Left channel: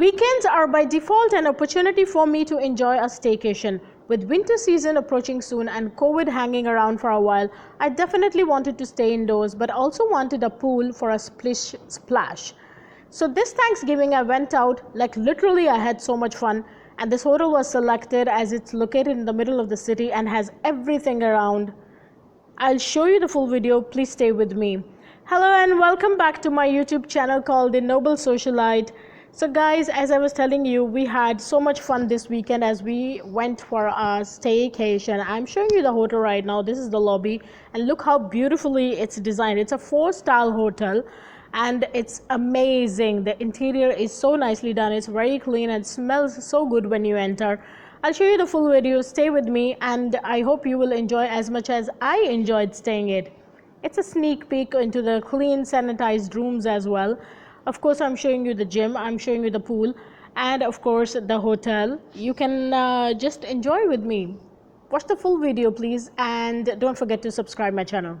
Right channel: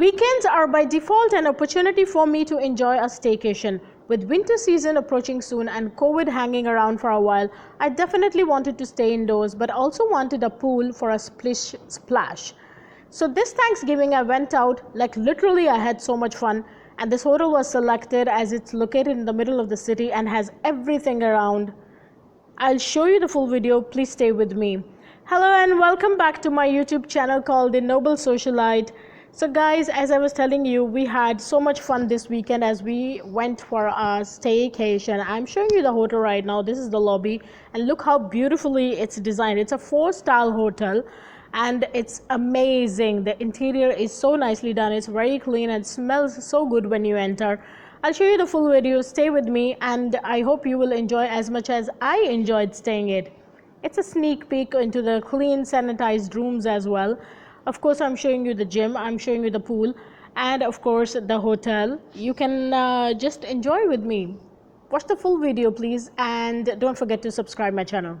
Weekends are by default an opportunity for me to enjoy a staycation. With winter season approaching soon and COVID hanging around for a while, I definitely wanted to stay indoors but also wanted a pool for a splish-splash. So this Thanksgiving I went out, like literally I had so much fun, and this hotel was selected as it's located in the middle of the city and has everything around. I'll show you the full video, please stay with me. Hello and welcome back to my YouTube channel called The Noble Socialite. So guys, as I was telling you, we had so much fun this weekend as we went for a staycation. I'm showing you the hotel right now. This is the lobby and look how beautifully it's designed. It's a 4-star hotel and it's amazing. The interior is so nicely done. It's very clean and smells so good when you enter. I'll show you the full video. Stay with me and I hope you will enjoy as much as I enjoyed staying it. It's a sneak peek into the clean, sanitized rooms as well. Of course, I'm showing you the gym, I'm showing you the pool, and of course the hotel. You can just enjoy with me. Watch the full video please, and don't forget to subscribe my channel.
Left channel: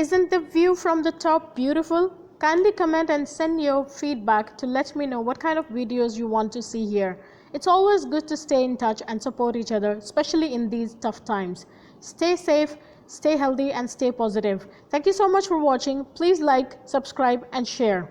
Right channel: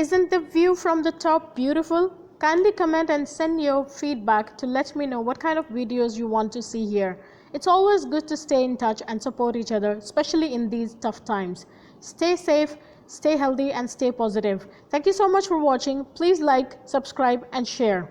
Isn't the view from the top beautiful? Kindly comment and send your feedback to let me know what kind of videos you want to see here. It's always good to stay in touch and support each other, especially in these tough times. Stay safe, stay healthy, and stay positive. Thank you so much for watching. Please like, subscribe, and share.